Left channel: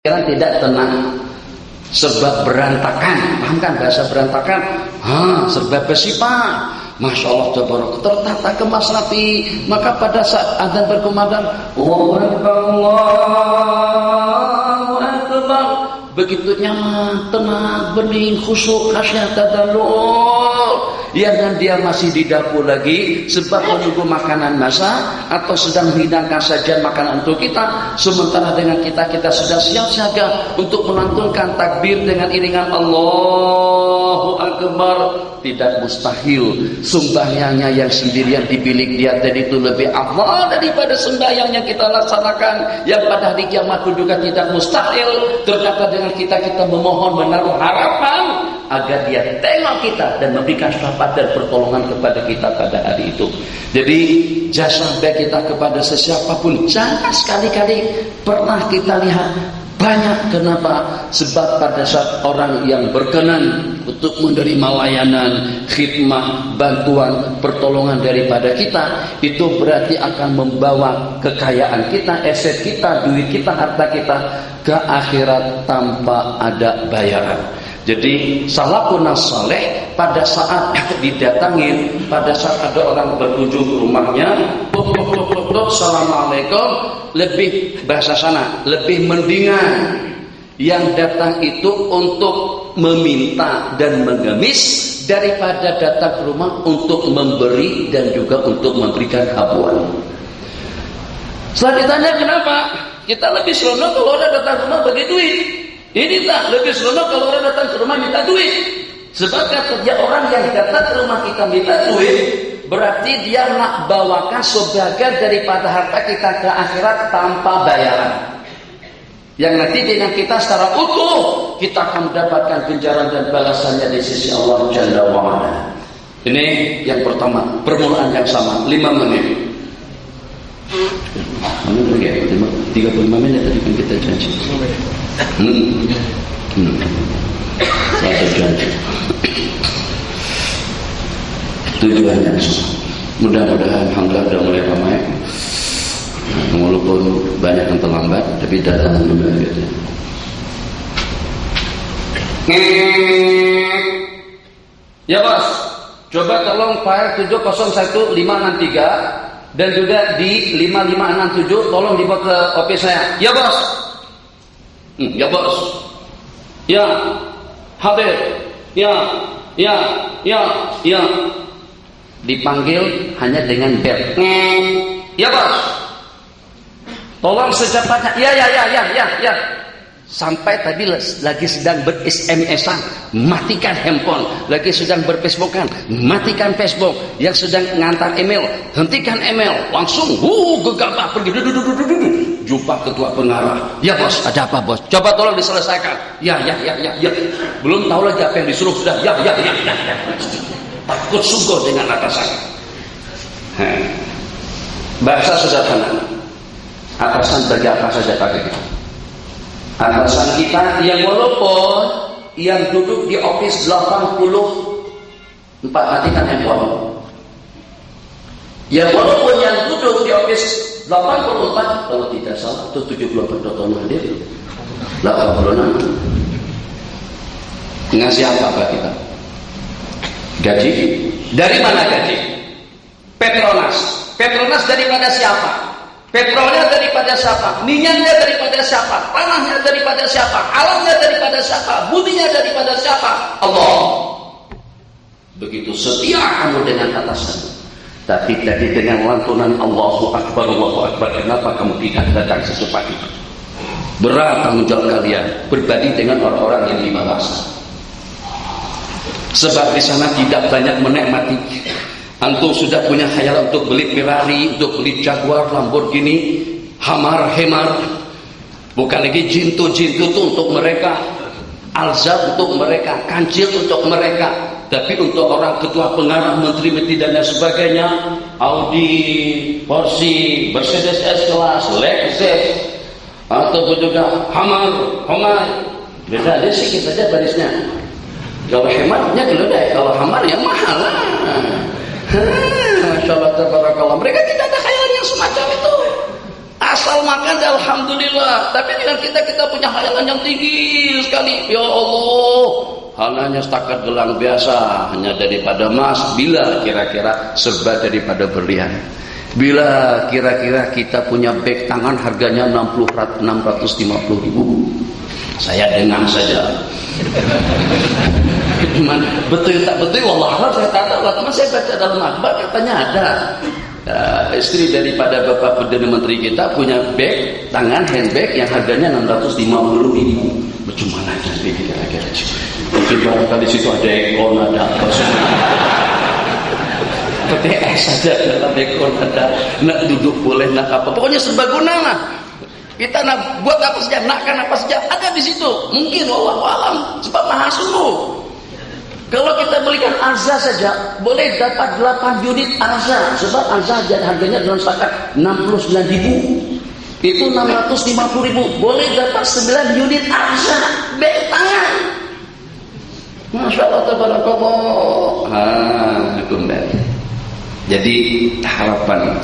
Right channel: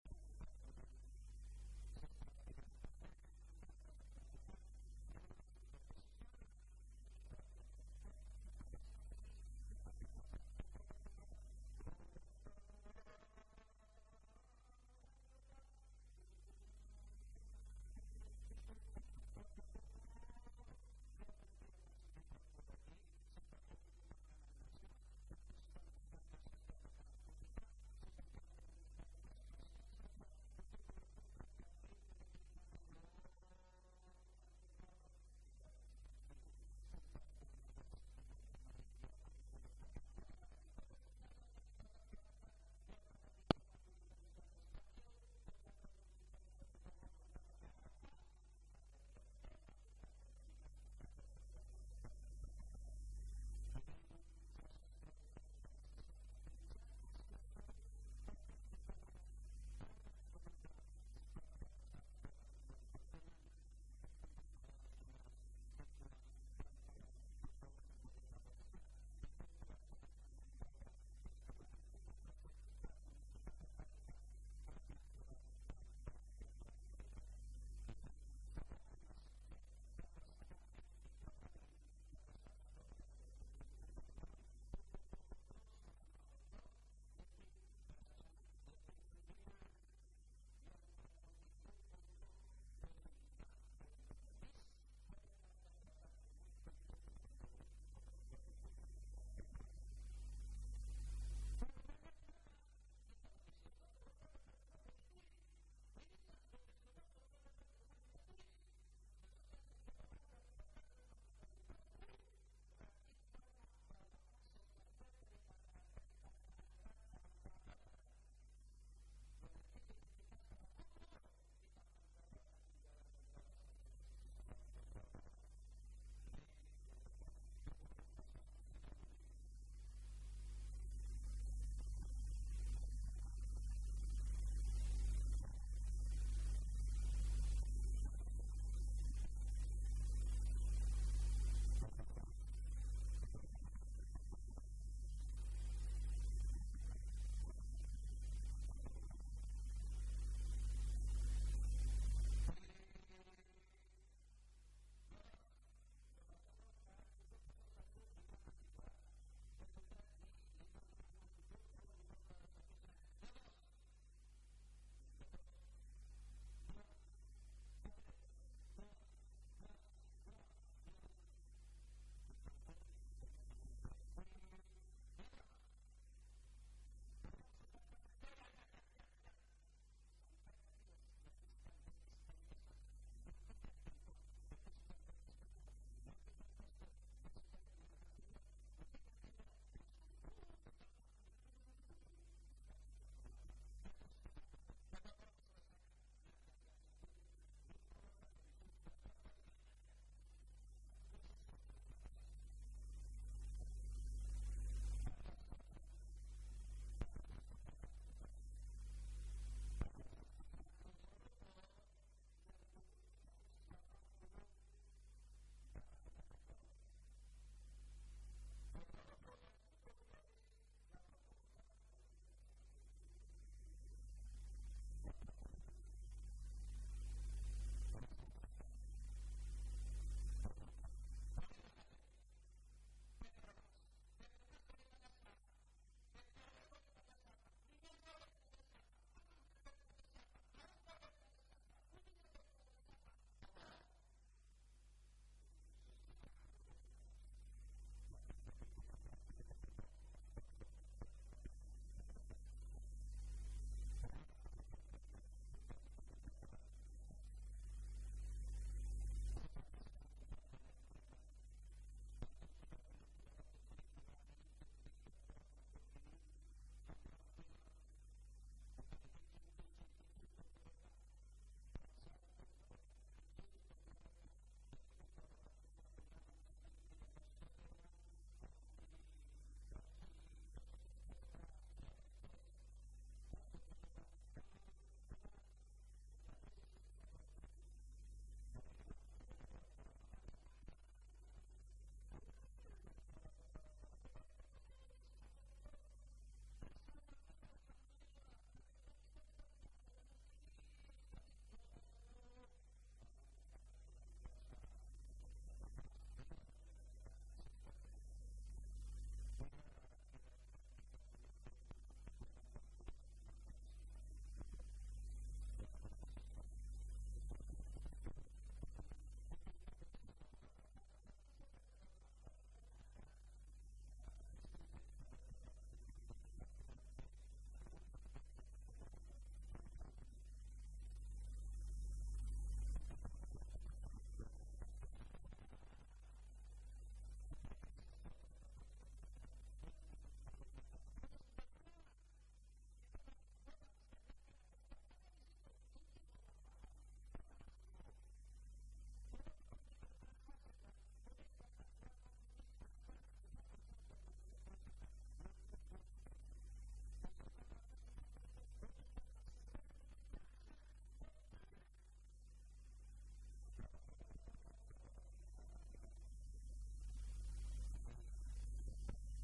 pikiran tidak tenang, serba berantakan. Paham kan bahasa berantakan? Serba besi pak. Masya Allah, tabarak, tertata kemas rapi. Maka pada saat azan berkumandang, Allahu Akbar, Allahu Akbar, begitu nyaman, tenang, bening, khusyuk, khasyah, tadarrur. Yang dia masih di dapur lagi sebab menunggu makanan masak atau sedang menghidangkan sajian makanan untuk kita, sementara dengan kita sudah siap siaga untuk melantunkan takbir dengan iringan Allahu Akbar. Tidak mustahil sembahyangnya yang sendirian di bilik dia tadi itu lebih afdal daripada sembahyang yang kita laksanakan yang pada hari kiamat pun juga tidak mustahil. Ternyata dengan kita memohon, menaruh harapan agar dia tengok kita dan memberikan syafaat dan pertolongan kepada kita pada hari itu. Jadi jasa baik kita kepada sesiapapun jangan sekali-kali pernah kita lihat banyak. Kenapa? Sebab pada saat orang yang berkenan untuk menerima layanan, khidmah, bantuan, pertolongan daripada kita, itu berarti akan membawa kekayaan kita, aset kita, duit kita, harta kita ke akhirat tanpa ada bayaran. Jadi salafun saleh pada saat didatangin, pada saat ada orang berkunjung ke rumahnya, assalamualaikum, lebih bahasa sana, lebih mendingan yang datang itu untuk meminta dan mengemis daripada datang ke rumah untuk memberi dan juga untuk memberikan habuan. Setelah ditanya kenapa, kita lebih seronok kalau orang datang ke rumah bagi duit. Ini tak lebih seronok kalau orang datang ke rumah minta duit. Sebab katanya orang yang datang ke rumah kita minta duit, berarti dia nak bawakan sebagian daripada harta kita ke akhirat tanpa bayaran. Yang nanti dengan kita secara utuh kita akan mendapatkan ganjaran dan balasannya di sisi Allah Jalla wa'ala. Ini yang pertama, permulaan yang sama, 5 menit. 35 menit tadi kan kita janji. Satu janji. Tujuannya mudah-mudahan alhamdulillah sudah mulai ramai, walaupun banyak yang terlambat tapi datang juga gitu. Ya bos, coba tolong file 701-563 dan juga di 5567 tolong dibawa ke office saya. Ya bos. Ya bos. Ya. Hadir. Ya. Dipanggil hanya dengan bel. Ya bos. Tolong secepatnya. Ya. Sampai tadi lagi sedang ber-SMS-an, matikan handphone. Lagi sedang ber-Facebookan, matikan Facebook. Yang sedang ngantar email, hentikan email. Langsung gegabah pergi. Jumpa ketua pengarah. Ya bos, ada apa bos? Coba tolong diselesaikan. Ya. Belum tahu lagi apa yang disuruh sudah. Ya. Takut sungguh dengan atasan. Bahasa sederhana. Atasan bagi apa saja pakai kita. Atasan kita yang walaupun yang duduk di office 84, matikan handphone. Yang walaupun yang duduk di office 84, kalau tidak salah itu 74 tahun hadir, 86. Ngasih apa kita? Gaji? Dari mana gaji? Petronas daripada siapa? Petrolnya daripada siapa? Minyaknya daripada siapa? Tanahnya daripada siapa? Alamnya daripada siapa? Buminya daripada siapa? Allah. Begitu setia kamu dengan atasan. Tapi tadi dengan lantunan Allahu Akbar, kenapa kamu tidak datang secepat itu? Berat tanggung jawab kalian berbanding dengan orang-orang yang di bawah. Sebab di sana tidak banyak menikmati. Antum sudah punya khayal untuk beli Ferrari, untuk beli Jaguar, Lamborghini, Hamar, bukan lagi jintu itu untuk mereka, Alzab untuk mereka, Kancil untuk mereka. Tapi untuk orang ketua pengarah, menteri dan sebagainya, Audi, Porsche, Mercedes S-Class, Lexus, atau juga Hamar, beda ada sedikit saja barisnya. Kalau hematnya keledai, kalau Hamar yang mahal lah. Masya Allah, tabarakallah. Mereka tidak ada khayal yang semacam itu. asal makan alhamdulillah. Tapi dengan kita punya hayalan yang tinggi sekali. Ya Allah, hanya setakat gelang biasa, hanya daripada emas. Bila kira-kira serba daripada berlian. Bila kira-kira kita punya beg tangan harganya 650 ribu. Saya dengar saja. Cuman betul tak betul, wallah saya tak tahu. Teman saya baca dalam akhbar katanya ada. Istri daripada Bapak Perdana Menteri kita punya bag tangan, handbag yang harganya 650 ribu. Bagaimana jadi kira-kira? Mungkin barangkali situ ada ekor, ada apa semua. PTS saja dalam ekor ada, nak duduk boleh, nak apa. Pokoknya serbaguna lah. Kita nak buat apa saja, nakkan apa saja ada di situ. Mungkin wallahu alam sebab maha sungguh. Kalau kita belikan arza saja boleh dapat 8 unit arza, sebab arza harganya dalam setakat 69 ribu. Itu 650 ribu, boleh dapat 9 unit arza beg tangan. Masya Allah tabarakallah. Kembali. Jadi harapan.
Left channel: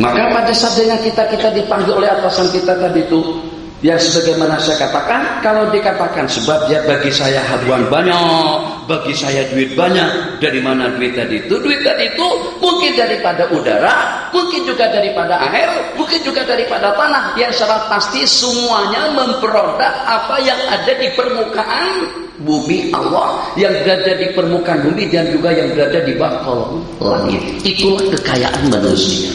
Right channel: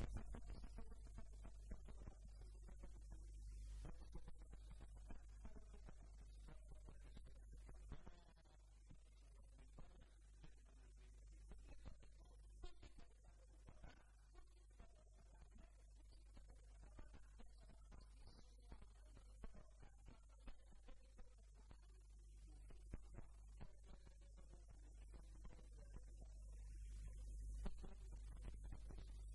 Maka pada saat dengan kita dipanggil oleh atasan kita tadi itu, yang sebagaimana saya katakan, kalau dikatakan sebab ya bagi saya habuan banyak, bagi saya duit banyak, dari mana duit tadi itu? Duit tadi itu mungkin daripada udara, mungkin juga daripada air, mungkin juga daripada tanah. Yang secara pasti semuanya memperodak apa yang ada di permukaan bumi Allah, yang berada di permukaan bumi dan juga yang berada di bawah kolong langit. Itulah kekayaan manusia.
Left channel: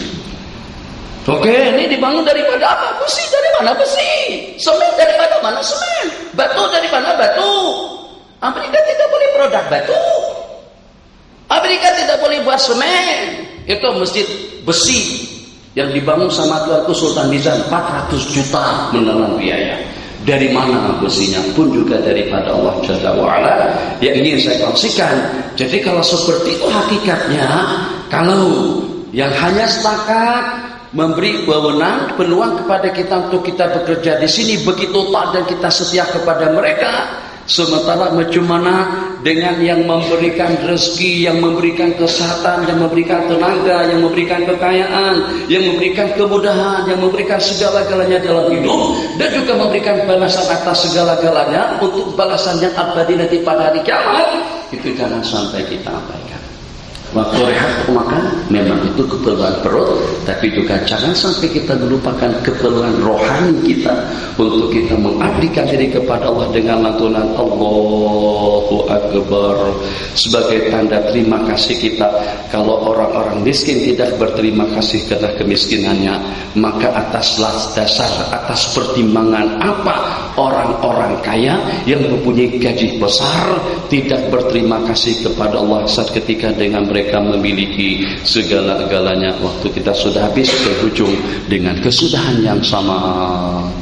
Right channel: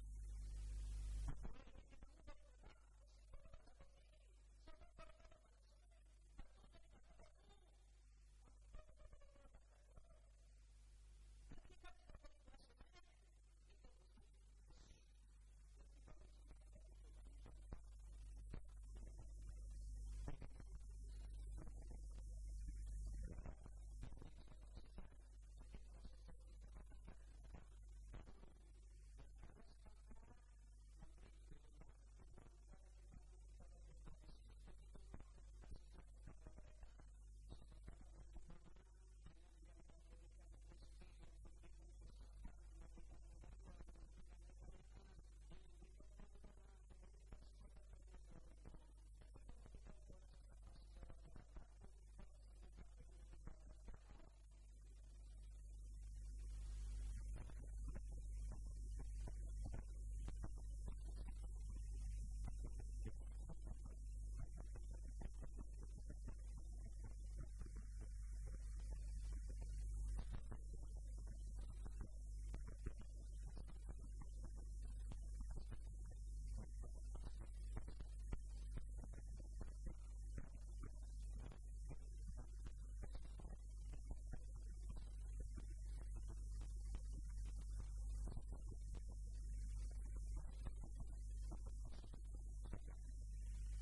Oke, ini dibangun daripada apa? Besi dari mana? Besi. Semen dari mana? Semen. Batu dari mana? Batu. Amerika tidak boleh produk batu. Amerika tidak boleh buat semen. Itu masjid besi yang dibangun sama Tuanku Sultan Nizam 400 juta menelan biaya. Dari mana besinya? Pun juga daripada Allah Jalla wa'ala. Yang ingin saya kongsikan. Jadi kalau seperti itu hakikatnya, kalau yang hanya setakat memberi wewenang, peluang kepada kita untuk kita bekerja di sini begitu taat dan kita setia kepada mereka. Sementara bagaimana dengan yang memberikan rezeki, yang memberikan kesehatan, yang memberikan tenaga, yang memberikan kekayaan, yang memberikan kemudahan, yang memberikan segala-galanya dalam hidup, dan juga memberikan balasan atas segala-galanya untuk balasan yang abadi nanti pada hari kiamat. Itu jangan sampai kita abaikan. Waktu rehat untuk makan memang itu keperluan perut, tapi juga jangan sampai kita melupakan keperluan rohani kita untuk kita mengabdikan diri kepada Allah dengan lantunan Allahu Akbar sebagai tanda terima kasih kita. Kalau orang-orang miskin tidak berterima kasih karena kemiskinannya, maka atas dasar, atas pertimbangan apa orang-orang kaya yang mempunyai gaji besar tidak berterima kasih kepada Allah saat ketika dengan mereka memiliki segala-galanya. Waktu kita sudah habis, berhujung dengan kesudahan yang sama.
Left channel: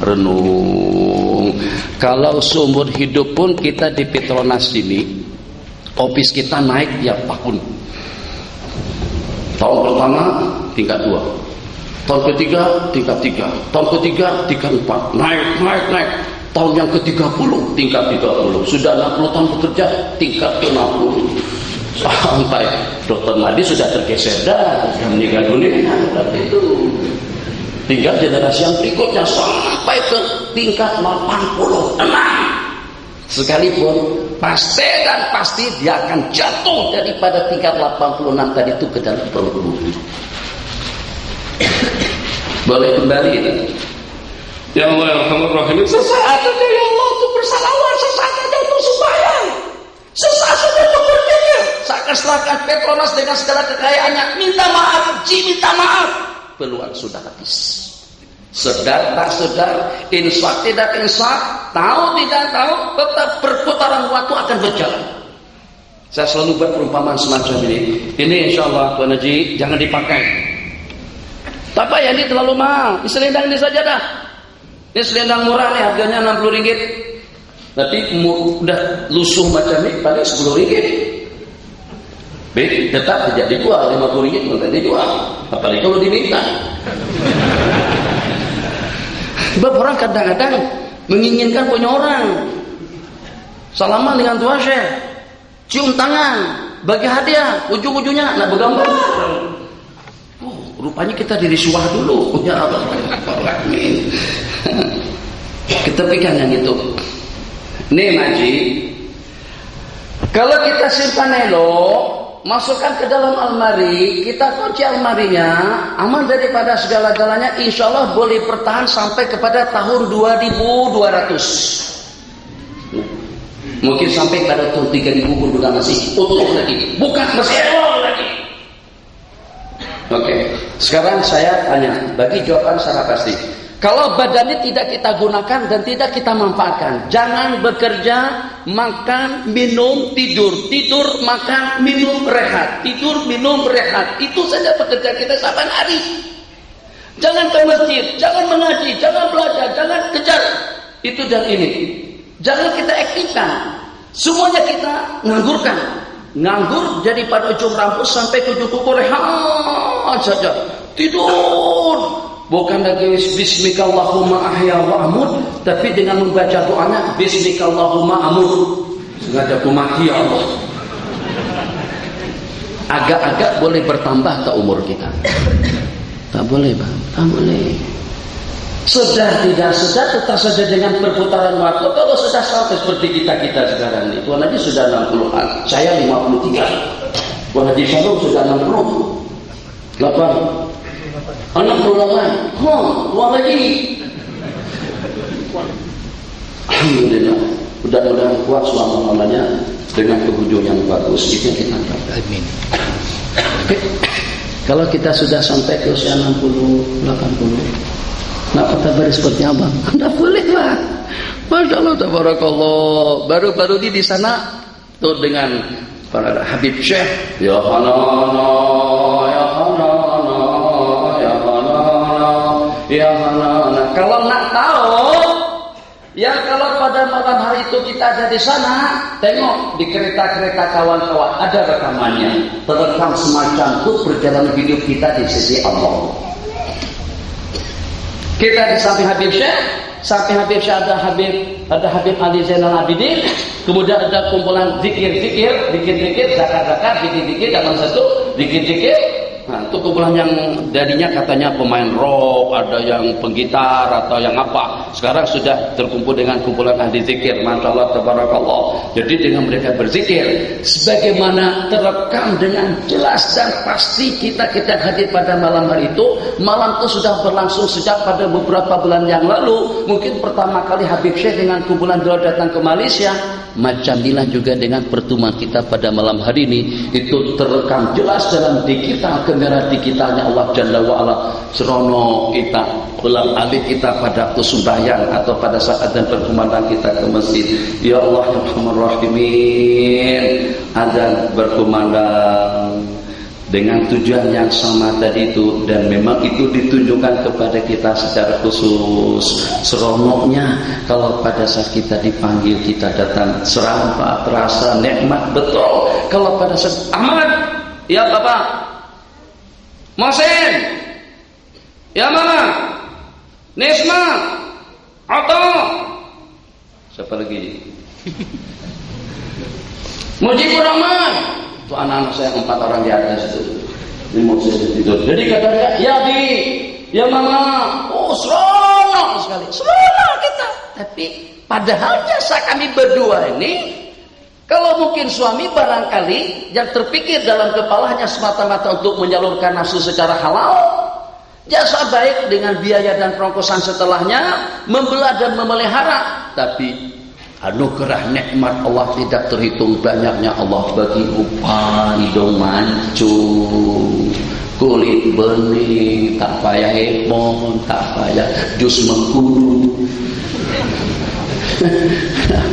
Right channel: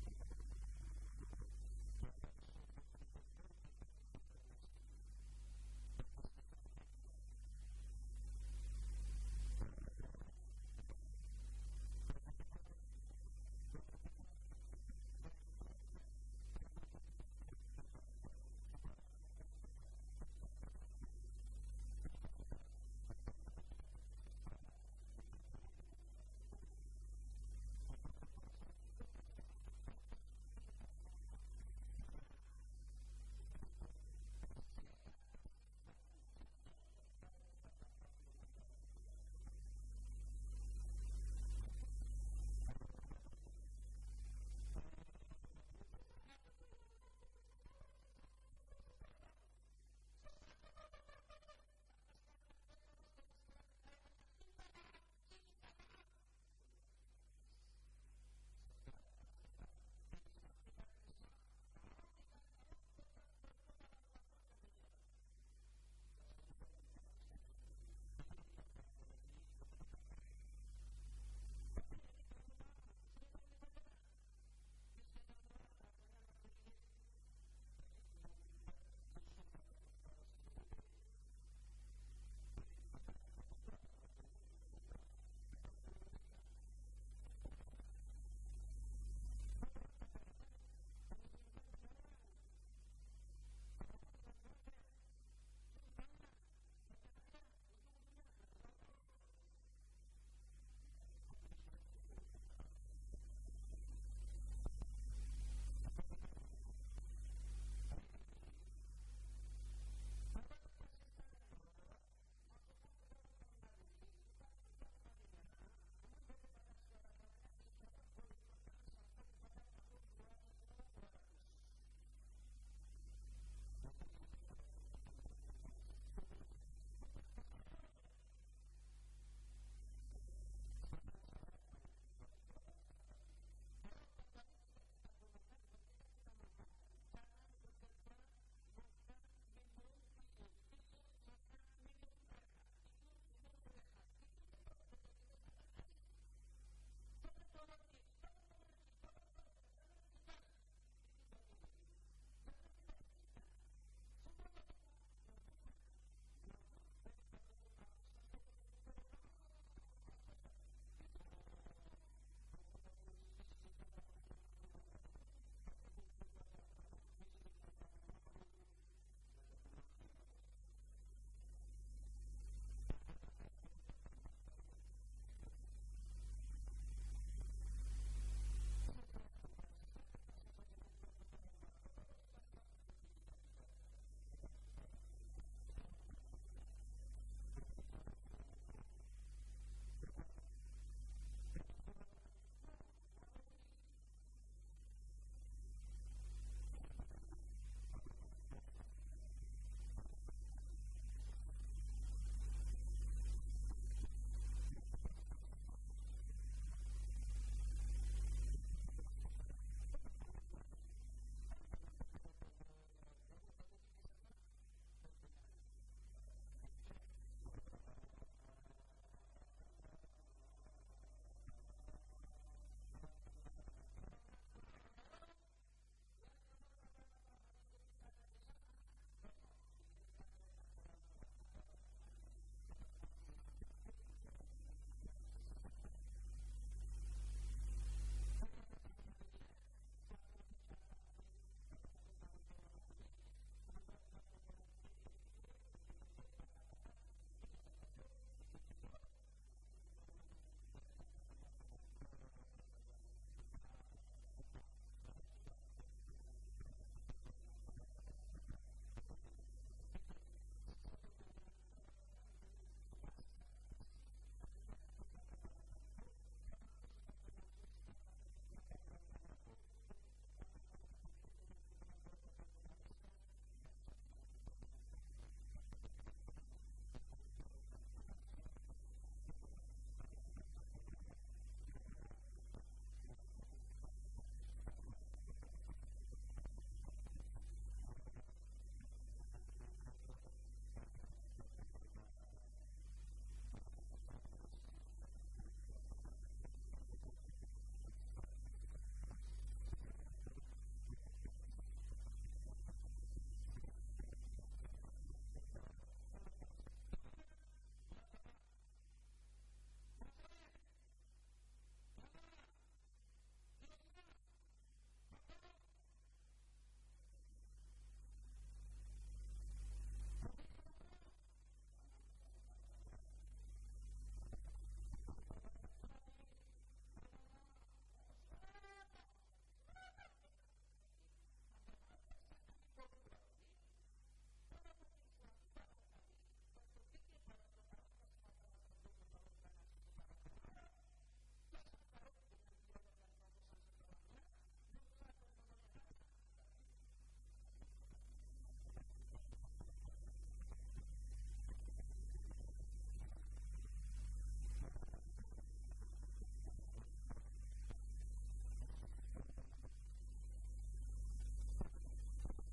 Renung. Kalau seumur hidup pun kita di Petronas ini, office kita naik tiap tahun. Tahun pertama tingkat 2, tahun ketiga tingkat 3, tahun ketiga tingkat 4, naik. Tahun yang ke-30 tingkat 30, sudah 60 tahun bekerja tingkat 60. Sampai Dr. Madi sudah tergeser dan meninggal dunia. Tapi itu tinggal generasi yang berikutnya sampai ke tingkat 86. Sekalipun pasti dan pasti dia akan jatuh daripada tingkat 86 tadi itu ke dalam perut bumi. Boleh kembali. Ya Allah, ya Rahman, sesaat saja ya Allah untuk bersalawat, sesaat saja untuk sembahyang, sesaat saja untuk berpikir. Seakan-akan Petronas dengan segala kekayaannya minta maaf, peluang sudah habis. Sedar tak sedar, insaf tidak insaf, tahu tidak tahu, tetap perputaran waktu akan berjalan. Saya selalu buat perumpamaan semacam ini. Ini insya Allah Tuan Haji jangan dipakai. Tapi ya ini terlalu mahal. Ini selendang ini saja dah. Ini selendang murah nih, harganya 60 ringgit. Tapi udah lusuh macam ini paling 10 ringgit. Baik, tetap tidak dijual, 50 ringgit pun tidak dijual. Apalagi kalau diminta. Sebab orang kadang-kadang menginginkan punya orang. Salaman dengan tua syekh, cium tangan, bagi hadiah, ujung-ujungnya nak bergambar. rupanya kita dirisuah dulu. Ya Allah, amin. Kita pegang yang itu. Nih Maji, kalau kita simpan elok, masukkan ke dalam almari, kita kunci almarinya, aman daripada segala-galanya, insya Allah boleh bertahan sampai kepada tahun 2200. Mungkin sampai pada tahun 3000 pun juga masih utuh lagi, bukan masih elok lagi. Oke, sekarang saya tanya, bagi jawaban secara pasti. Kalau badannya tidak kita gunakan dan tidak kita manfaatkan, jangan bekerja, makan, minum, tidur, tidur, makan, minum, rehat, tidur, minum, rehat. Itu saja pekerjaan kita saban hari. Jangan ke masjid, jangan mengaji, jangan belajar, jangan kejar itu dan ini. Jangan kita aktifkan. Semuanya kita nganggurkan. Nganggur jadi pada ujung rambut sampai ke ujung kuku, rehat saja. Tidur. Bukan lagi bismikallahumma ahya wa amut, tapi dengan membaca doanya bismikallahumma amut. Sengaja aku mati ya Allah. Agak-agak boleh bertambah ke umur kita. Tak boleh Bang, tak boleh. Sudah tidak sudah tetap saja dengan perputaran waktu. Kalau sudah sampai seperti kita sekarang ini, Tuan Haji sudah 60-an, saya 53. Tuan Haji Syarul sudah 60. 68. Tua lagi. Alhamdulillah. Mudah-mudahan kuat selama-lamanya dengan penghujung yang bagus. Itu kita dapat. Amin. Kalau kita sudah sampai ke usia 60, 80, nak kabar seperti apa? Anda boleh lah. Masya Allah, tabarakallah. Baru-baru ini di sana tuh dengan para Habib Syekh. Ya Hanana, ya Hanana. Ya mana? Kalau nak tahu, ya kalau pada malam hari itu kita ada di sana, tengok di kereta-kereta kawan-kawan ada rekamannya, terekam semacam itu perjalanan hidup kita di sisi Allah. Kita di samping Habib Syekh, ada Habib Ali Zainal Abidin, kemudian ada kumpulan zikir-zikir, zakat-zakat, zikir-zikir dalam satu zikir-zikir. Nah, itu kumpulan yang dadinya katanya pemain rock, ada yang penggitar atau yang apa. Sekarang sudah terkumpul dengan kumpulan ahli zikir. Masya Allah, tabarakallah. Jadi dengan mereka berzikir, sebagaimana terekam dengan jelas dan pasti kita hadir pada malam hari itu. Malam itu sudah berlangsung sejak pada beberapa bulan yang lalu. Mungkin pertama kali Habib Syekh dengan kumpulan beliau datang ke Malaysia. Macam inilah juga dengan pertemuan kita pada malam hari ini, itu terekam jelas dalam kamera digitalnya Allah Jalla wa'ala. Serono kita ulang alik kita pada waktu sembahyang atau pada saat dan berkumandang kita ke masjid. Ya Allah ya Rahman Rahimin, azan berkumandang dengan tujuan yang sama tadi itu, dan memang itu ditunjukkan kepada kita secara khusus. Seronoknya kalau pada saat kita dipanggil kita datang, serampak terasa nikmat betul. Kalau pada saat Ahmad, ya Bapak Mohsin, ya Mama Nisma, Atau siapa lagi? Mujibur Rahman. Itu anak-anak saya 4 orang di atas itu. Ini mau saya tidur. Jadi katanya, ya Bi, ya Mama, oh seronok sekali. Seronok kita. Tapi padahal jasa kami berdua ini, kalau mungkin suami barangkali yang terpikir dalam kepalanya semata-mata untuk menyalurkan nafsu secara halal, jasa baik dengan biaya dan perongkosan setelahnya, membelah dan memelihara. Tapi anugerah nikmat Allah tidak terhitung banyaknya Allah bagi upah hidung mancung, kulit bening, tak payah hemon, tak payah jus mengkudu.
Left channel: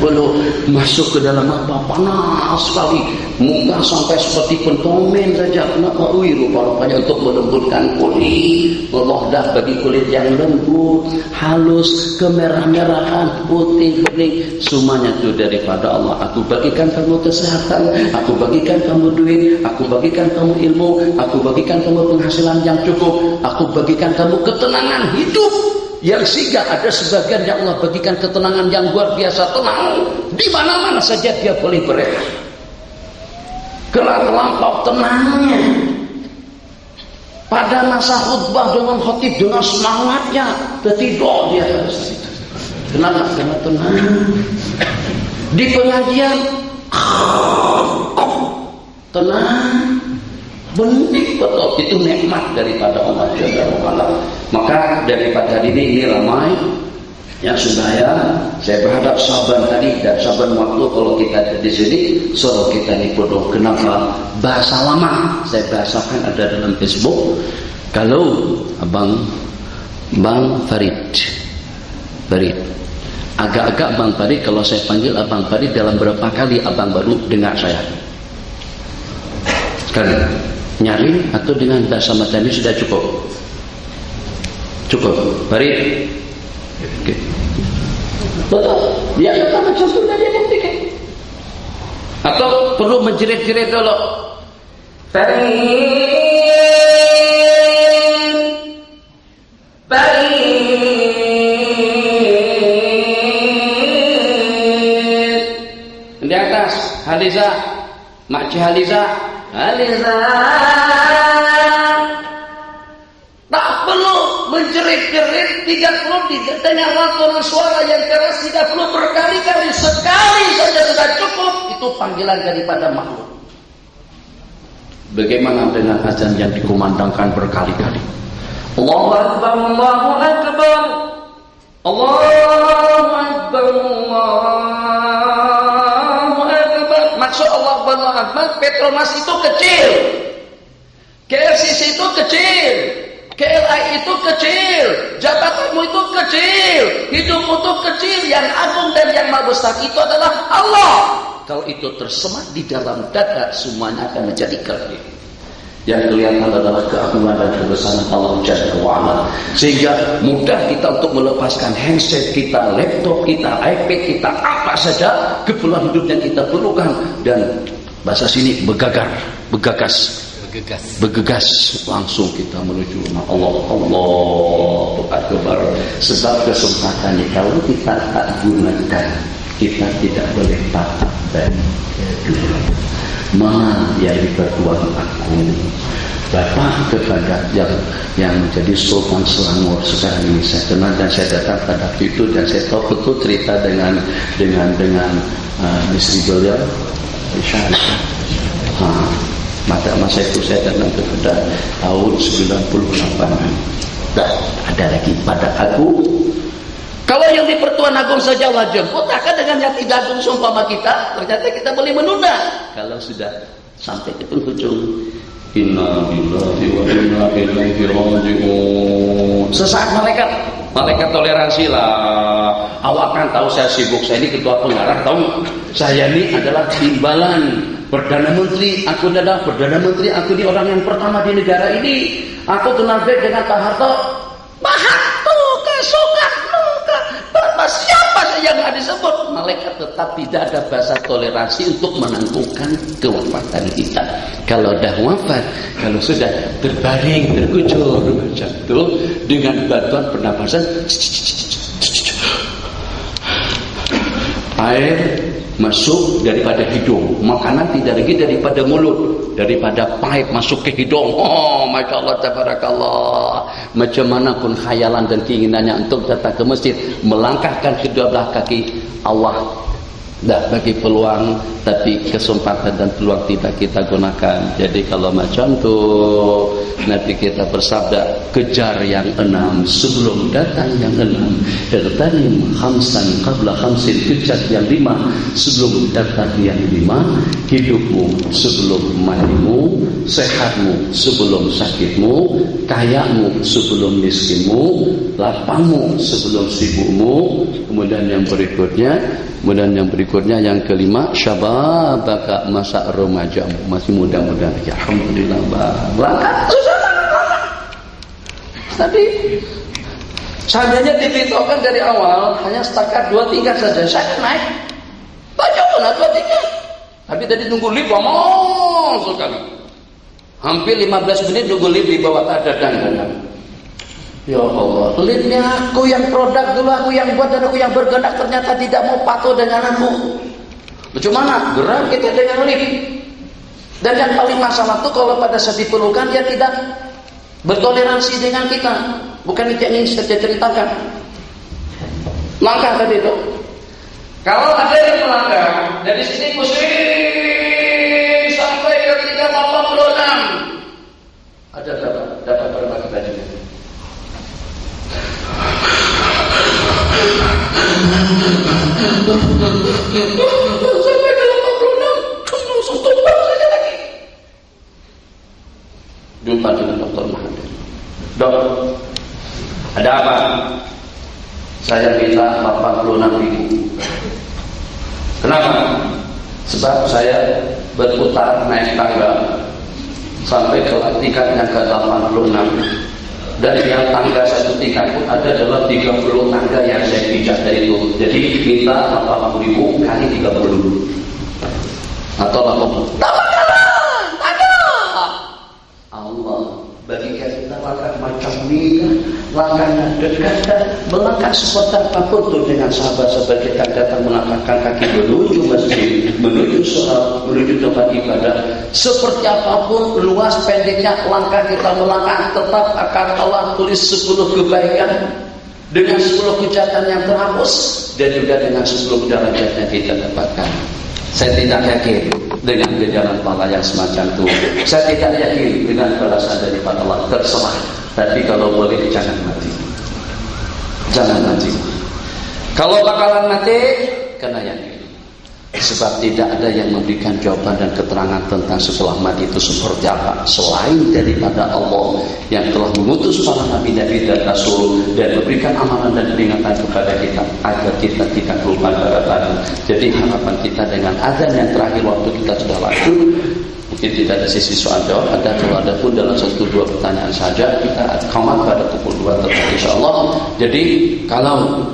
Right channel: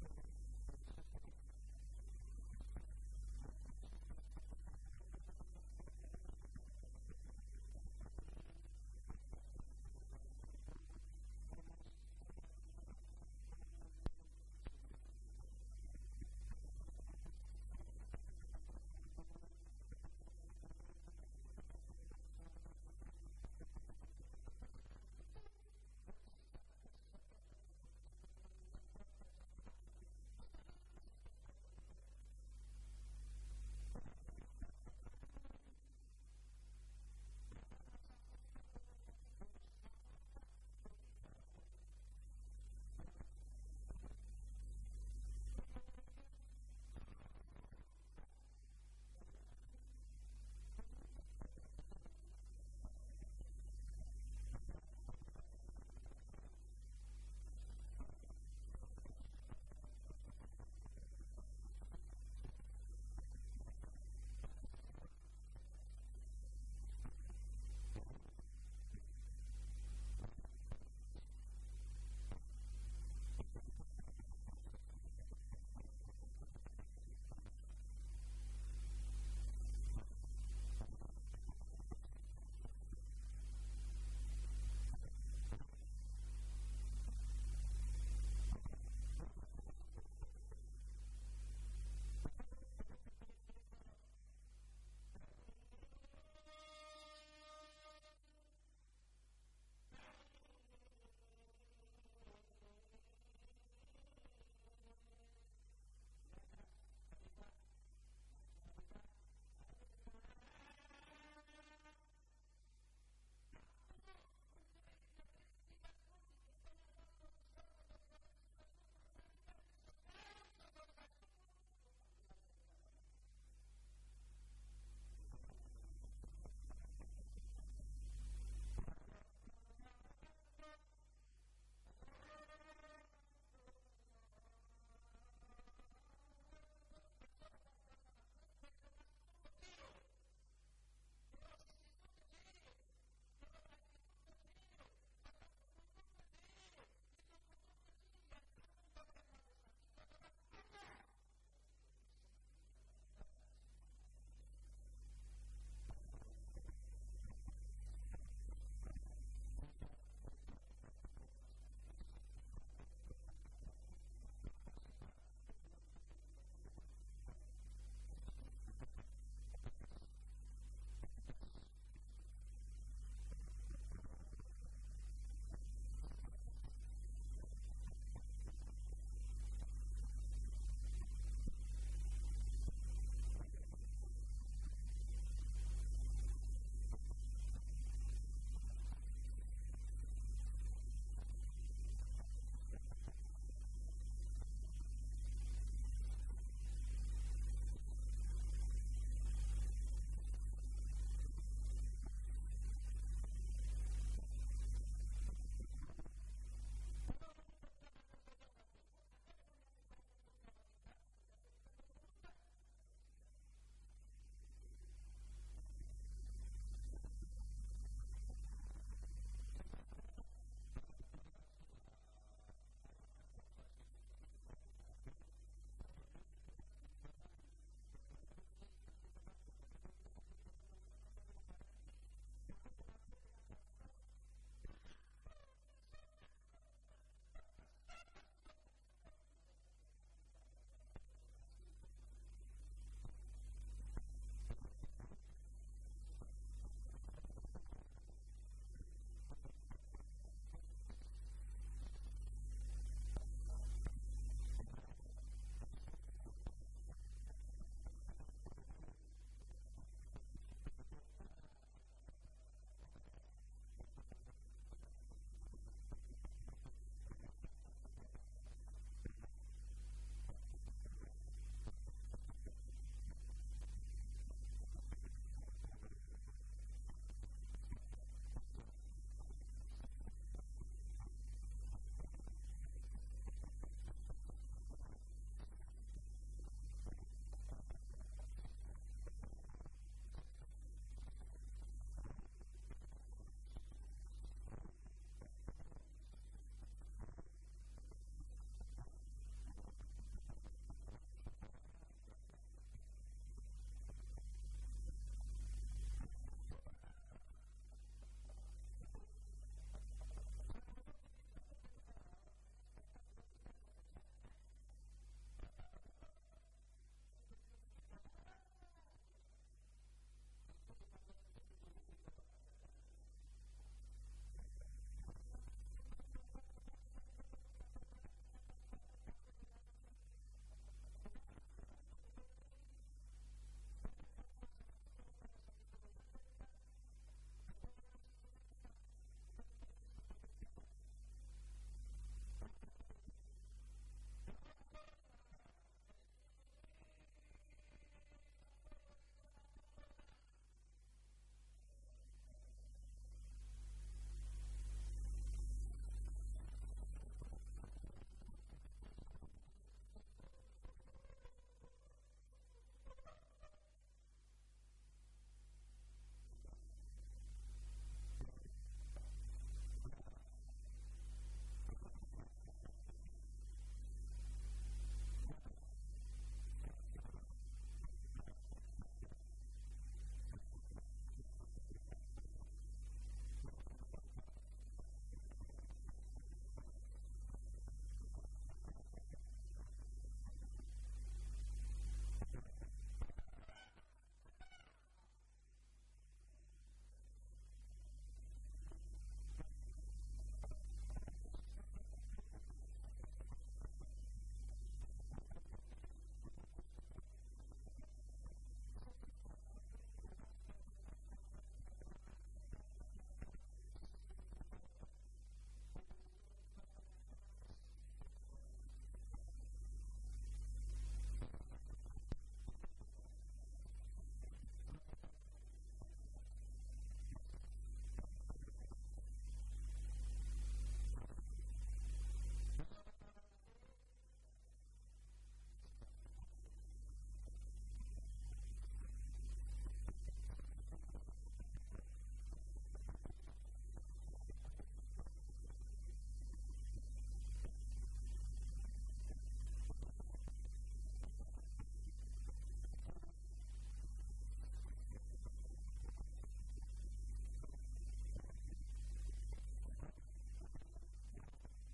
Belum masuk ke dalam apa, panas sekali, muka sampai seperti pentomen saja. Kenapa? Rupa-rupanya untuk melembutkan kulit, melodah bagi kulit yang lembut, halus, kemerah-merahan, putih, bening, semuanya itu daripada Allah. Aku bagikan kamu kesehatan, aku bagikan kamu duit, aku bagikan kamu ilmu, aku bagikan kamu penghasilan yang cukup, aku bagikan kamu ketenangan hidup. Yang sehingga ada sebagian yang Allah bagikan ketenangan yang luar biasa, tenang di mana-mana saja dia boleh berehat. Kelak lampau tenangnya. Pada masa khutbah dengan khotib dengan semangatnya, tertidur dia pada saat itu. Kenapa? Karena tenang. Di pengajian tenang, benih betul, itu nikmat daripada Allah Jalla wa'ala. Maka daripada hari ini ramai ya supaya saya berharap saban tadi dan saban waktu kalau kita ada di sini suruh kita ini bodoh. Kenapa? Bahasa lama saya bahasakan ada dalam Facebook. Kalau Bang Farid agak-agak Bang Farid, kalau saya panggil Abang Farid dalam berapa kali Abang baru dengar saya? Sekali nyaring atau dengan bahasa macam ini sudah cukup? Cukup Farid? Oke. Betul. Ya kita macam itu dia buktikan. Atau perlu menjerit-jerit dulu. Di atas Haliza, Makci Haliza. Tak perlu menjerit-jerit, tidak perlu didengarkan suara yang keras, tidak perlu berkali-kali, sekali saja sudah cukup. Itu panggilan daripada makhluk. Bagaimana dengan azan yang dikumandangkan berkali-kali? Allahu Akbar, Allahu Akbar, Allahu Akbar, Allahu Akbar. Maksud Allahu Akbar, Petronas itu kecil, KLCC itu kecil, KLI itu kecil, jabatanmu itu kecil, hidupmu itu kecil. Yang agung dan yang maha besar itu adalah Allah. Kalau itu tersemat di dalam dada, semuanya akan menjadi kecil. Yang kelihatan adalah keagungan dan kebesaran Allah Jalla wa'ala. Sehingga mudah kita untuk melepaskan handset kita, laptop kita, iPad kita, apa saja keperluan hidup yang kita perlukan. Dan bahasa sini bergegas langsung kita menuju rumah Allah. Allahu Akbar. Sebab kesempatan ini kalau kita tak gunakan, kita tidak boleh patah dan mana yang dipertuan aku Bapak kepada yang menjadi Sultan Selangor sekarang ini saya kenal dan saya datang pada waktu itu dan saya tahu betul cerita dengan istri beliau Aisyah. Pada masa itu saya datang kepada tahun 98. Tak ada lagi pada aku. Kalau yang di Pertuan Agung saja Allah jemput, akan dengan yang tidak agung seumpama kita, ternyata kita boleh menunda. Kalau sudah sampai ke penghujung, inna lillahi wa inna ilaihi raji'un. Sesaat malaikat toleransi lah. Awak kan tahu saya sibuk, saya ini ketua pengarah, tahu saya ini adalah timbalan Perdana Menteri, aku adalah Perdana Menteri, aku ini orang yang pertama di negara ini. Aku kenal baik dengan Pak Harto. Pak Harto, Soekarno, Bapak siapa yang nggak disebut? Malaikat tetap tidak ada bahasa toleransi untuk menangguhkan kewafatan kita. Kalau dah wafat, kalau sudah terbaring, terkucur macam itu dengan bantuan pernapasan, air masuk daripada hidung, makanan tidak lagi daripada mulut, daripada pipe masuk ke hidung. Oh, masya Allah, tabarakallah. Macam mana pun khayalan dan keinginannya untuk datang ke masjid, melangkahkan kedua belah kaki, Allah dah bagi peluang, tapi kesempatan dan peluang tidak kita gunakan. Jadi kalau macam tu nanti kita bersabda, kejar yang 6 sebelum datang yang 6, tertanim khamsan qabla khamsin, kejar yang 5 sebelum datang yang 5, hidupmu sebelum matimu, sehatmu sebelum sakitmu, kayamu sebelum miskinmu, lapangmu sebelum sibukmu. Kemudian yang berikutnya yang kelima, syababaka, masa remajamu, masih muda-muda lagi. Alhamdulillah, berangkat tadi seandainya diberitahukan dari awal hanya setakat 2 tingkat saja, saya akan naik. Baca mana 2 tingkat, tapi tadi tunggu lift lama sekali, hampir 15 menit tunggu lift di bawah dadang. Ya Allah, liftnya aku yang produk dulu, aku yang buat dan aku yang bergerak, ternyata tidak mau patuh dengan aku. Bagaimana? Gerak kita dengan lift. Dan yang paling masalah itu kalau pada saat diperlukan dia tidak bertoleransi dengan kita. Bukan itu yang ingin saya ceritakan. Langkah tadi itu. Kalau ada yang melanggar dari sini pusing sampai ke 386. Ada berapa? Dapat berapa kita juga? Sampai ke 86. Satu saja lagi. Jumpa dengan Dr. Mahathir. Dok, ada apa? Saya minta 86.000. Kenapa? Sebab saya berputar naik tangga sampai ke tingkat yang ke-86. Dan yang tangga satu tingkat pun ada dalam 30 tangga yang saya pijak dari itu. Jadi minta 80.000 kali 30. Atau 80. Ada. Allah bagikan kita langkah macam ini, langkahnya dekat dan melangkah sebentar apapun tuh dengan sahabat-sahabat kita datang melangkahkan kaki menuju masjid, menuju sholat, menuju tempat ibadah. Seperti apapun luas pendeknya langkah kita melangkah, tetap akan Allah tulis 10 kebaikan dengan 10 kejahatan yang terhapus dan juga dengan 10 derajat yang kita dapatkan. Saya tidak yakin dengan jalan pahala yang semacam itu. Saya tidak yakin dengan balasan daripada Allah. Terserah. Tapi kalau boleh jangan mati. Jangan mati. Kalau bakalan mati, kena yakin. Sebab tidak ada yang memberikan jawaban dan keterangan tentang setelah mati itu seperti apa selain daripada Allah yang telah mengutus para nabi-nabi dan rasul dan memberikan amalan dan peringatan kepada kita agar kita tidak lupa kepada. Jadi harapan kita dengan azan yang terakhir waktu kita sudah lanjut, mungkin tidak ada sesi soal jawab, ada kalau ada pun dalam 1-2 pertanyaan saja kita komat pada pukul 2 tetap insyaallah. Jadi kalau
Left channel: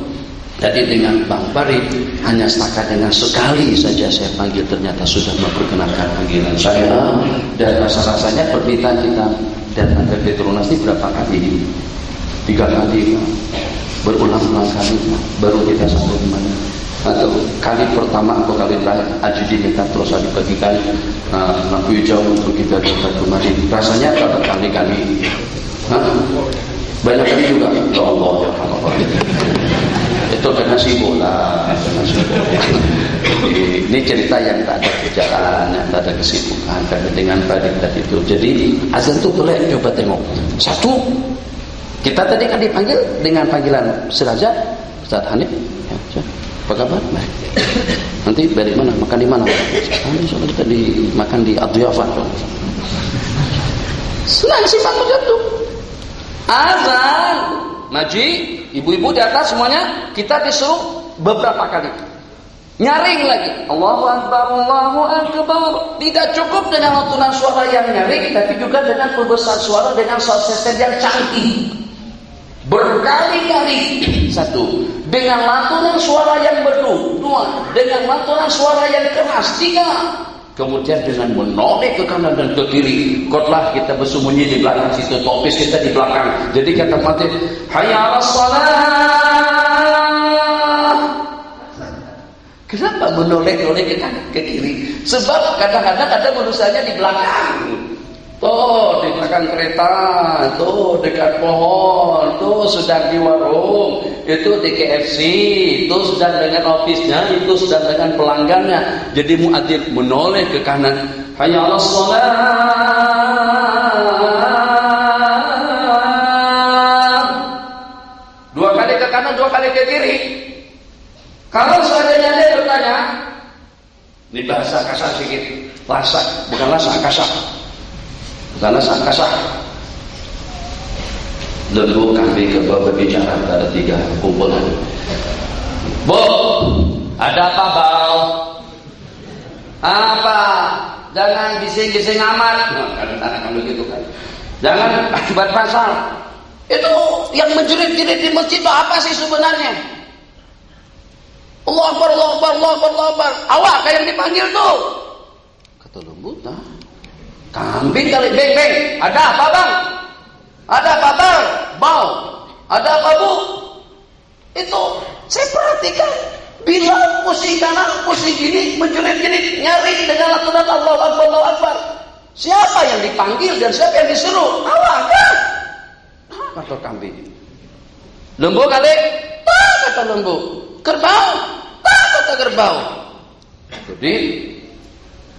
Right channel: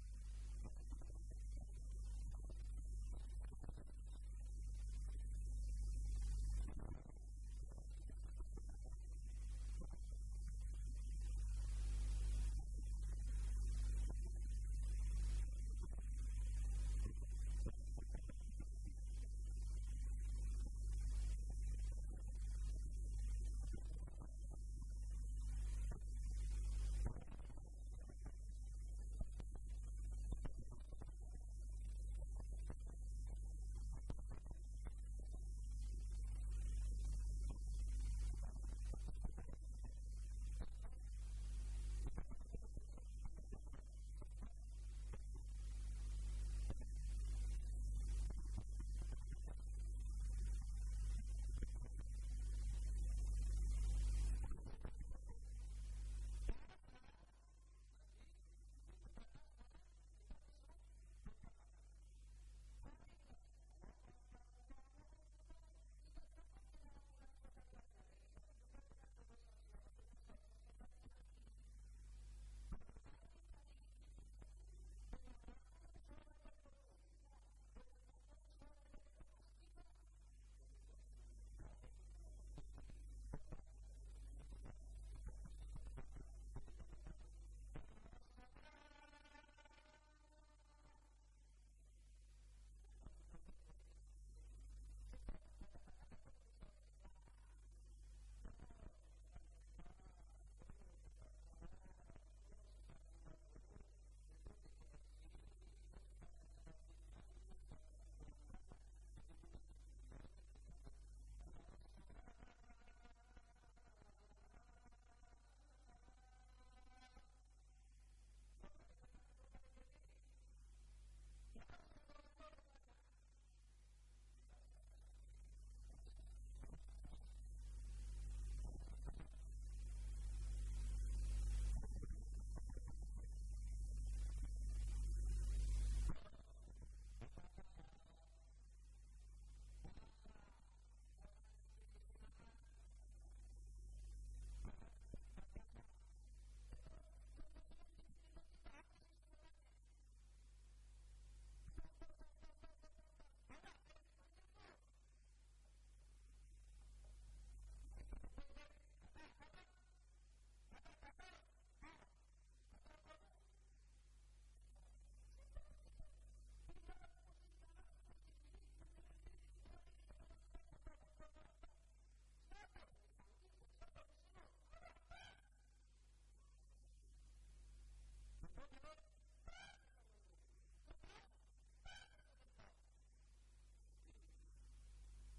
tadi dengan Bang Farid hanya setakat dengan sekali saja saya panggil ternyata sudah memperkenalkan panggilan saya dan rasa-rasanya permintaan kita dan ada Petronas ini berapa kali? 3 kali berulang-ulang kali baru kita sampai di mana? Atau kali pertama atau kali terakhir Ajudi minta terus dibagikan lampu hijau untuk kita dapat kemarin. Rasanya pada kali-kali banyak kali juga. Ya Allah ya Allah. Itu karena sibuk lah. Ini cerita yang tak ada kerjaan, yang tak ada kesibukan karena dengan badik tadi itu. Jadi azan itu boleh coba tengok. Satu, kita tadi kan dipanggil dengan panggilan Seraja, Ustaz Hanif. Ya, apa kabar? Baik. Nanti dari mana? Makan di mana? Nanti soalnya kita makan di Adiyafah. Senang sih Pak Jatuh. Azan. Maji, ibu-ibu di atas semuanya, kita disuruh beberapa kali. Nyaring lagi. Allahu Akbar, Allahu Akbar. Tidak cukup dengan lantunan suara yang nyaring, tapi juga dengan pembesar suara dengan sound system yang canggih. Berkali-kali. 1. Dengan lantunan suara yang merdu. 2. Dengan lantunan suara yang keras. 3. Kemudian dengan menoleh ke kanan dan ke kiri. Kotlah kita bersembunyi di belakang situ. Topis kita di belakang. Jadi kata mati, hayya 'alas shalah. Kenapa menoleh-noleh ke kanan ke kiri? Sebab kadang-kadang ada manusianya di belakang. Tuh di belakang kereta, tuh dekat pohon, tuh sedang di warung, itu di KFC, itu sedang dengan ofisnya, itu sedang dengan pelanggannya. Jadi muadzin menoleh ke kanan, hayya 'alas shalah. 2 kali ke kanan, 2 kali ke kiri. Kalau seandainya dia bertanya, ini bahasa kasar sedikit, lasak, bukan lasak kasar. Karena angkasa lembu kambing ke bawah berbicara ada 3 kumpulan. Bu, ada apa bau? Apa? Jangan bising-bising amat. Kadang-kadang begitu kan. Jangan akibat pasal. Itu yang menjerit-jerit di masjid itu apa sih sebenarnya? Allah Akbar, Allah Akbar, Allah Akbar, Allah Akbar. Awak kayak yang dipanggil tuh. Kata lembu, nah. Kambing kali, beng. Ada apa bang? Ada apa bang? Bau. Ada apa bu? Itu saya perhatikan. Bila pusing kanan, pusing kiri, menjerit-jerit, nyaring dengan lantunan Allahu Akbar, Allahu Akbar. Siapa yang dipanggil dan siapa yang disuruh? Awak kan? kata kambing. Lembu kali, tak kata lembu. Kerbau, tak kata kerbau. Jadi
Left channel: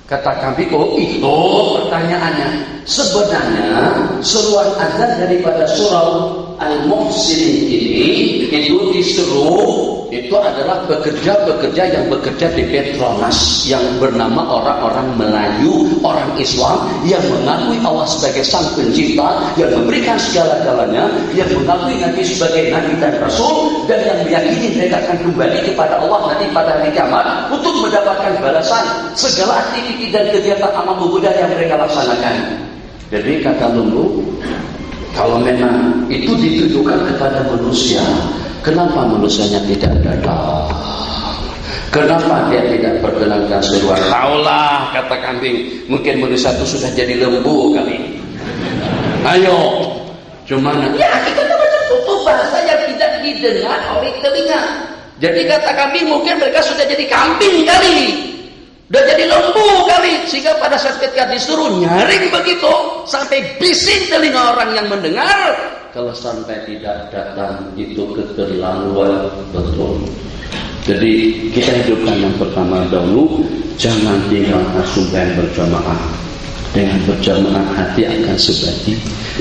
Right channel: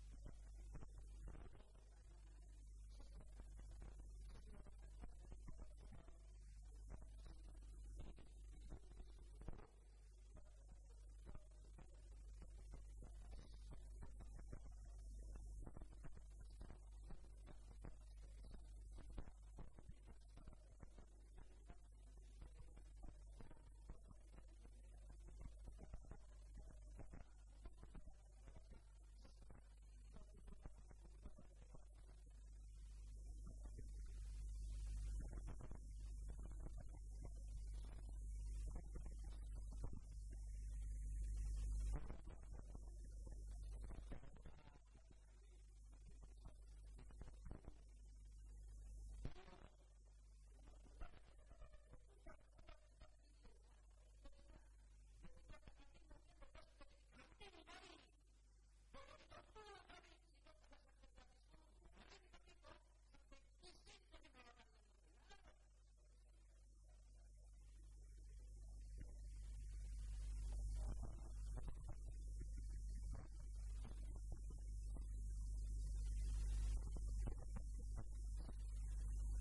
kata kambing, oh itu pertanyaannya. Sebenarnya seruan azan daripada surah Al-Muhsinin ini itu disuruh, itu adalah pekerja-pekerja yang bekerja di Petronas yang bernama orang-orang Melayu, orang Islam yang mengakui Allah sebagai Sang Pencipta, yang memberikan segala-galanya, yang mengakui Nabi sebagai Nabi dan Rasul, dan yang meyakini mereka akan kembali kepada Allah nanti pada hari kiamat untuk mendapatkan balasan segala aktiviti dan kegiatan amal ibadah yang mereka laksanakan. Jadi kata lembu, kalau memang itu ditujukan kepada manusia, kenapa manusianya tidak datang? Kenapa dia tidak perkenankan seruan? Taulah, kata kambing, mungkin manusia itu sudah jadi lembu kali. Ayo, cuman ya kita macam tutup bahasa yang tidak didengar oleh telinga. Jadi kata kambing, mungkin mereka sudah jadi kambing kali, udah jadi lembu kali, sehingga pada saat ketika disuruh nyaring begitu sampai bising telinga orang yang mendengar, kalau sampai tidak datang itu keterlaluan betul. Jadi kita hidupkan yang pertama dahulu, jangan tinggalkan sembahyang berjamaah. Dengan berjamaah hati akan sebati,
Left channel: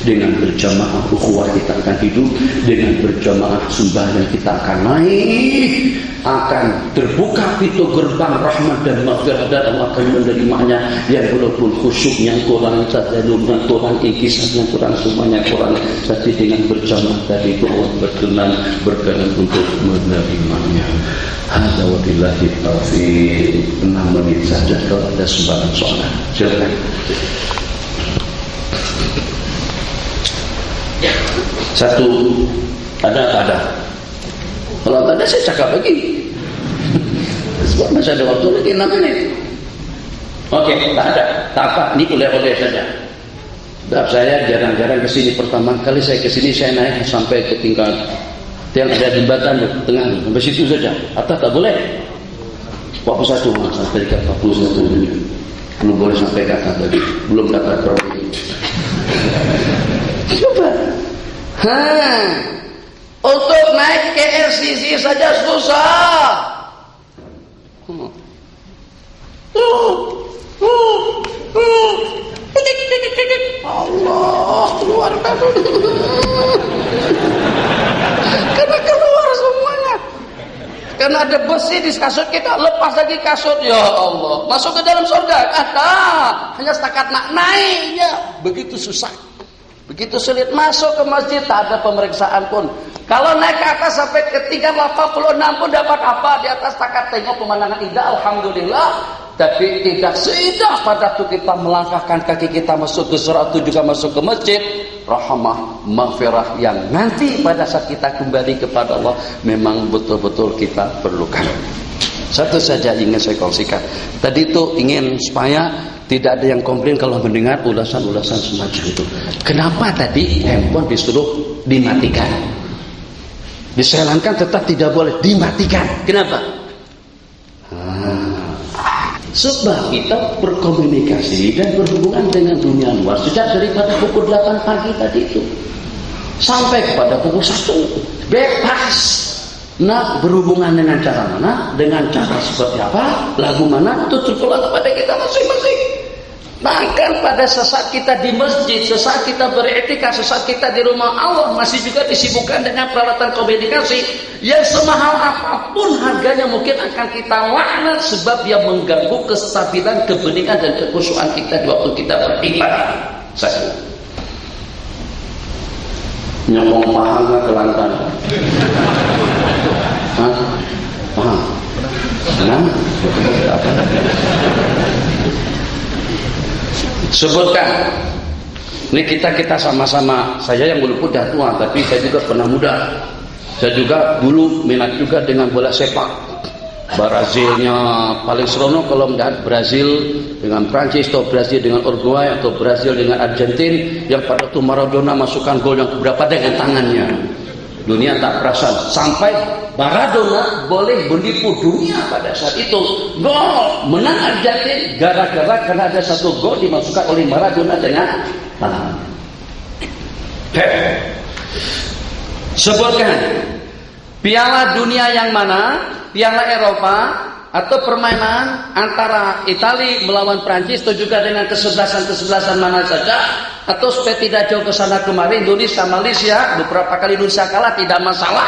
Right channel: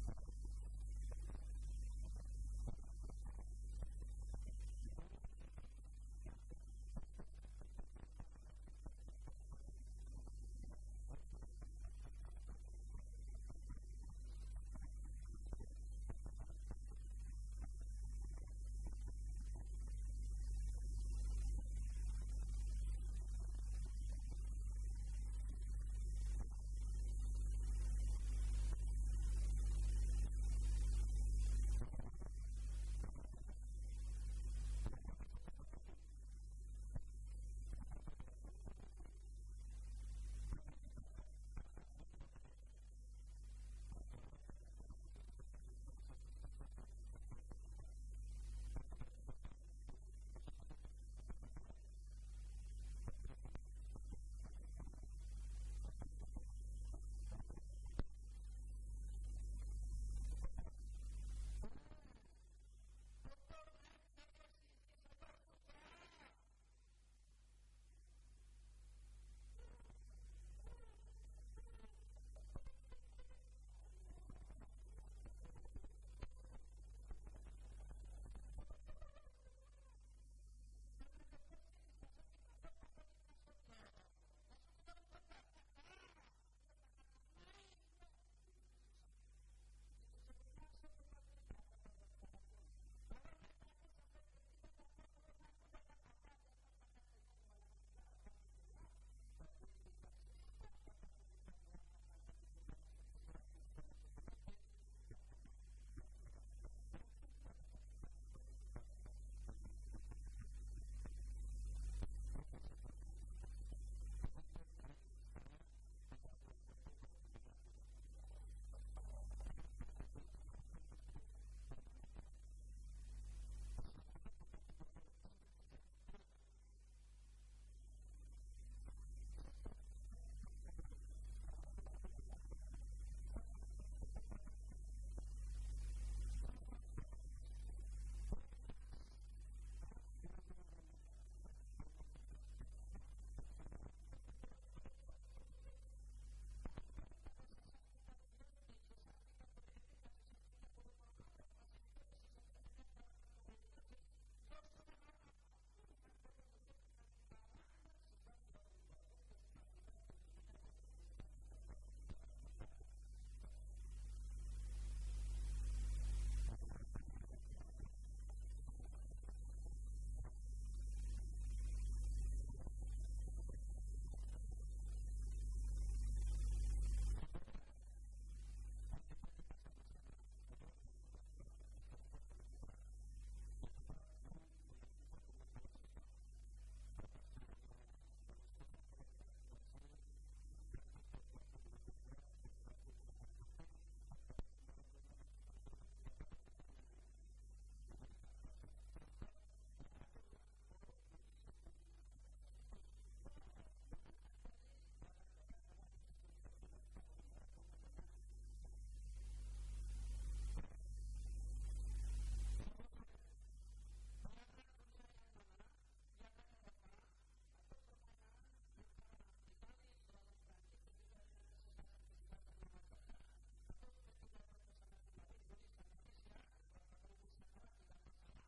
dengan berjamaah ukhuwah kita akan hidup, dengan berjamaah sembahyang kita akan naik, akan terbuka pintu gerbang rahmat dan maghfirah, dan Allah akan menerimanya. Yang walaupun khusyuknya kurang, tadallumnya kurang, inkisahnya kurang, semuanya kurang, tapi dengan berjamaah tadi itu Allah berkenan untuk menerimanya. Hadza wabillahi taufiq. 6 menit saja kalau ada sumbangan soal. Silakan. Satu, ada tak ada? Kalau tak ada saya cakap lagi. Sebab masih ada waktu lagi 6 menit. Oke, tak ada, tak apa. Ini oleh-oleh saja. Sebab saya jarang-jarang kesini. Pertama kali saya kesini saya naik sampai ke tingkat yang ada jembatan di tengah, sampai situ saja. Atas tak boleh. 41 sampai dekat 41 ini. Belum boleh sampai ke atas lagi. Belum dapat peroleh. Coba. Untuk naik ke RCC saja susah. Allah, keluarkan dulu. Karena keluar semuanya. Karena ada besi di kasut kita, lepas lagi kasut, ya Allah. Masuk ke dalam surga, ada. Hanya setakat nak naiknya, begitu susah. Begitu sulit masuk ke masjid, tak ada pemeriksaan pun. Kalau naik ke atas sampai ke tingkat 86 pun dapat apa? Di atas setakat tengok pemandangan indah, alhamdulillah. Tapi tidak seindah pada waktu kita melangkahkan kaki kita masuk ke surga atau juga masuk ke masjid. Rahmah, maghfirah yang nanti pada saat kita kembali kepada Allah memang betul-betul kita perlukan. Satu saja ingin saya kongsikan. Tadi itu ingin supaya tidak ada yang komplain kalau mendengar ulasan-ulasan semacam itu. Kenapa tadi handphone disuruh dimatikan? Diselankan tetap tidak boleh dimatikan. Kenapa? Sebab kita berkomunikasi dan berhubungan dengan dunia luar sejak daripada pukul 8 pagi tadi itu sampai kepada pukul 1 bebas. Nah, berhubungan dengan cara mana, dengan cara seperti apa, lagu mana, itu terpulang kepada kita masing-masing. Bahkan pada sesaat kita di masjid, sesaat kita beriktikaf, sesaat kita di rumah Allah masih juga disibukkan dengan peralatan komunikasi yang semahal apapun harganya mungkin akan kita laknat sebab dia mengganggu kestabilan, kebeningan dan kekhusyuan kita di waktu kita beribadah. Saya nyomong paham nggak Kelantan? Hah? Paham? Nah, sebutkan. Ini kita sama-sama. Saya yang dulu udah tua, tapi saya juga pernah muda. Saya juga dulu minat juga dengan bola sepak. Brazilnya paling seronok kalau melihat Brazil dengan Prancis atau Brazil dengan Uruguay atau Brazil dengan Argentina yang pada itu Maradona masukkan gol yang keberapa dengan tangannya. Dunia tak perasan sampai Maradona boleh menipu dunia pada saat itu. Gol menang Argentina gara-gara karena ada satu gol dimasukkan oleh Maradona dengan tangan. Sebutkan Piala Dunia yang mana? Piala Eropa atau permainan antara Italia melawan Prancis atau juga dengan kesebelasan mana saja, atau supaya tidak jauh ke sana kemari, Indonesia Malaysia beberapa kali Indonesia kalah tidak masalah.